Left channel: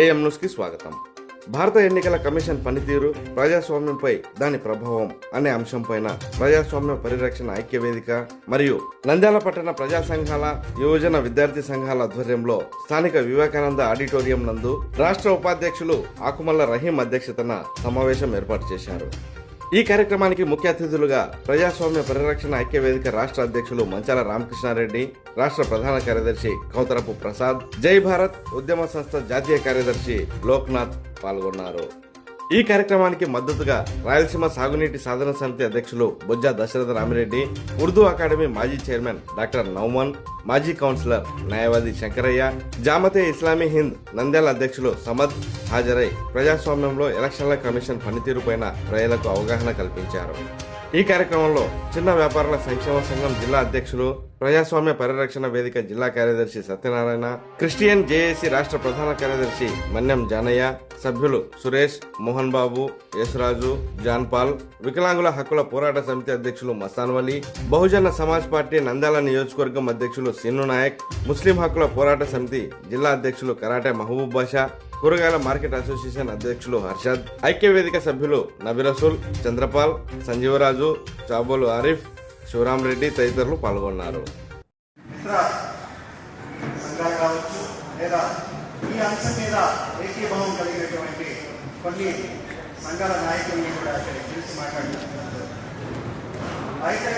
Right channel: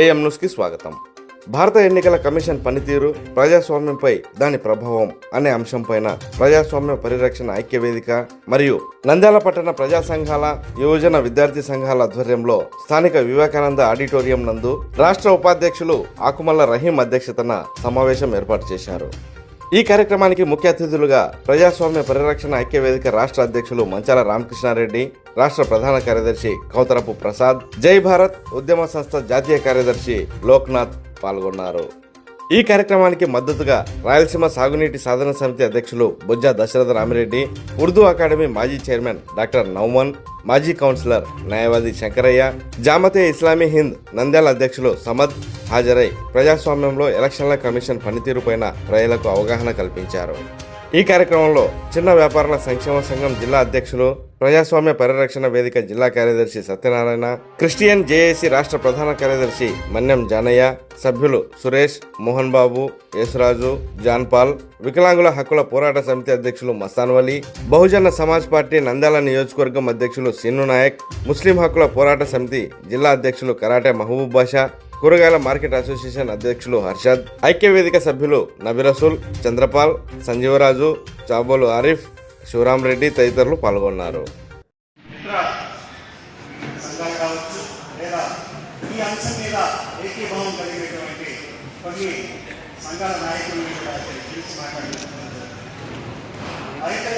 AM న్యూస్కి స్వాగతం. భారత ఎన్నికల కమిషన్ పనితీరు ప్రజాస్వామ్యంపై దాని ప్రభావం అనే అంశంపైన ప్రజాస్వామ్య పరిరక్షణ ఐక్య వేదిక మరియు నంద్యాల పట్టణ ప్రజా సంఘాల యువజన విద్యార్థి సంఘాల ఆధ్వర్యంలో స్థానిక వివేకానంద ఆడిటోరియం నందు రాష్ట్ర ఉపాధ్యక్షులు ఆకుమల్ల రహీం అధ్యక్షతన సమావేశం ఏర్పాటు చేశారు. ఈ కార్యక్రమానికి ముఖ్య అతిథులుగా ప్రజాస్వామ్య పరిరక్షణ ఐక్యవేదిక రాష్ట్ర అధ్యక్షులు మంచాల రామకృష్ణారెడ్డి రాష్ట్ర ప్రధాన కార్యదర్శి కౌతరపు ప్రసాద్ జై భారత్ ఉద్యమ సంస్థ జాతీయ కార్యదర్శి లోక్నాథ్ పాల్గొన్నారు. ఈ కార్యక్రమానికి మద్దతుగా రాయలసీమ సాగునీటి సాధన సమితి అధ్యక్షులు బుజ్జా దశరథ రామిరెడ్డి ఉర్దూ అకాడమీ మాజీ చైర్మన్ డాక్టర్ నౌమన్ మాజీ కౌన్సిలర్ న్యాయవాది శంకరయ్య జామతే ఇస్లామీ హింద్ నంద్యాల అధ్యక్షులు సమద్ హాజరై ప్రజాస్వామ్యంలో ఎలక్షన్ల కమిషన్ పనితీరుపైన ప్రజలకు అవగాహన కల్పించారు. ఈ కార్యక్రమంలో చిన్న వ్యాపారుల సంక్షేమ సంఘం జిల్లా అధ్యక్షులు ప్రజాస్వామ్య పరిరక్షణ వేదిక జిల్లా కార్యదర్శి సత్యనారాయణ క్రిస్టియన్ జేఏసీ రాష్ట్ర ప్రధాన కార్యదర్శి మన్యం జానయ్య సభ్యులు సురేష్ మోహన్ బాబు యేసురాజు జాన్పాల్ వికలాంగుల హక్కుల పోరాట సమితి అధ్యక్షులు మస్తాన్ వలీ బహుజన సమాజ్ పార్టీ నంద్యాల నియోజకవర్గం అధ్యక్షులు సిన్ను నాయక్ ముస్లిం హక్కుల పోరాట సమితి జిల్లా అధ్యక్షులు కరాటే మహబూబ్ బాషా కూరగాయల మార్కెట్ అసోసియేషన్ అధ్యక్షులు హర్షద్ ఐక్యవేదిక సభ్యులు నబిరసుల్ చంద్రపాల్ సంజీవరాజు చాబోలు ఆరిఫ్ శివరాం రెడ్డి తదితరులు పాల్గొన్నారు. ఈ అంశం మీద ఏకీభావం కలిగినటువంటి కొన్ని సంఘాల నాయకుల్ని కూడా మాట్లాడుతున్నారు అయితే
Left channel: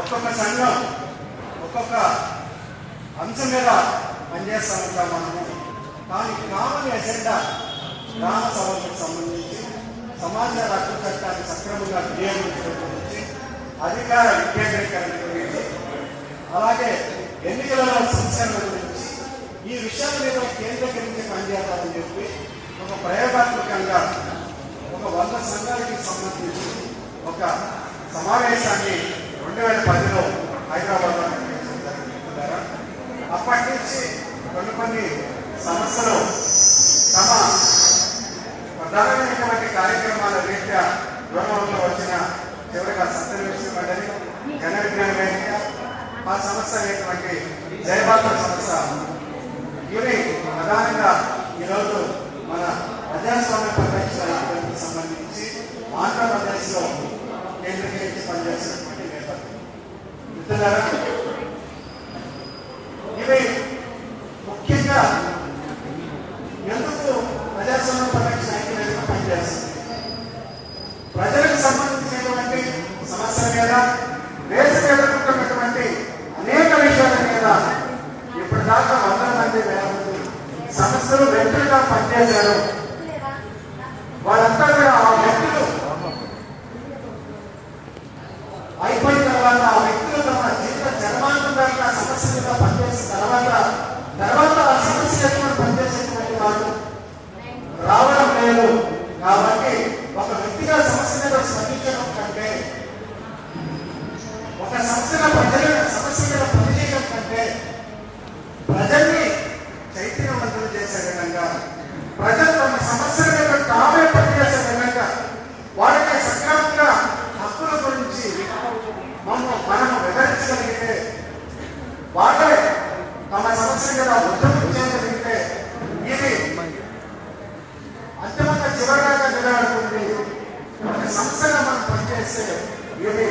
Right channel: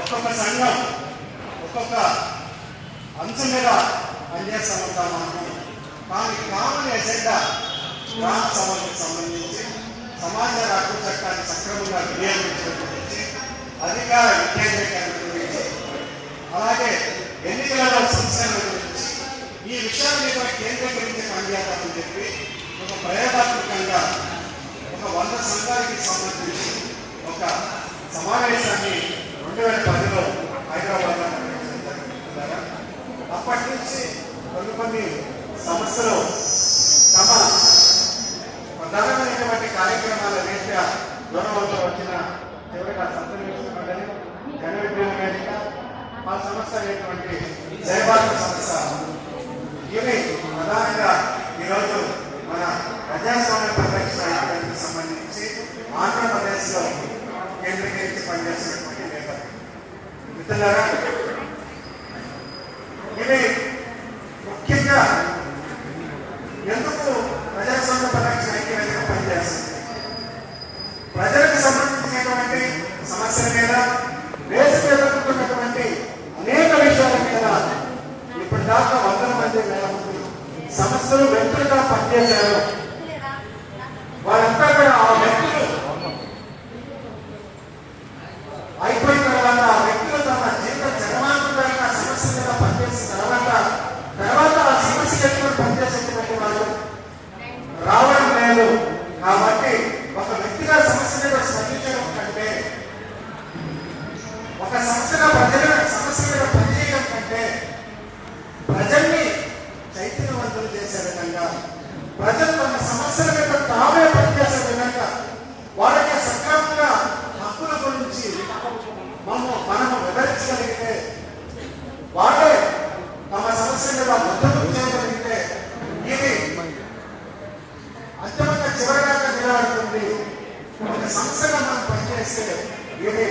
ఒక్కొక్క సంఘం ఒక్కొక్క అంశం మీద పనిచేస్తా ఉంటాం మనము కానీ కామన్ ఎజెండా గ్రామ సభలకు సంబంధించి సమాజ హక్కు చట్టాన్ని సక్రమంగా వినియోగించడం గురించి అధికార వికేంద్రీకరణ గురించి అలాగే ఎన్నికల సంస్కరణ గురించి ఈ విషయాల మీద కేంద్రీకరించి పనిచేయాలని చెప్పి ఒక ప్రయోగాత్మకంగా ఒక వంద సంఘానికి సంబంధించి ఒక సమావేశాన్ని రెండు వేల పదిలో హైదరాబాద్లో అప్పటి నుంచి కొన్ని కొన్ని సంస్థలు తమ ప్రధానమైనటువంటి కార్యక్రమాల రీత్యా దూరంలో వచ్చిన చివరిగా సత్యలక్ష్మి ఘన విజ్ఞాన వేదిక మా సంస్థ అనేటువంటి జయబాబు సంస్థ. ఇవి ప్రధానంగా ఈరోజు మన ప్రజాస్వామ్య పరిరక్షణకు సంబంధించి ఆంధ్రప్రదేశ్లో కేంద్రీకరించి పనిచేసినటువంటి నేతలు. మిత్రులారా వ్యక్తులు వ్యక్తులుగా పనిచేశారు? వాళ్ళంతా కూడా ఆ వ్యక్తులు. అయిపోయిన తర్వాత ఆ వ్యక్తులు తమ జీవిత జన్మాంతరంగా సమస్య మీద పనిచేసిన తర్వాత తర్వాత ఆ సమస్య ఎక్కువ పనిచేసేటువంటి వారు రావడం లేదు. కాబట్టి ఒక వ్యక్తిగా సమస్య మీద స్పందించడం కంటే ఒక సమస్యగా పనిచేసే recebe.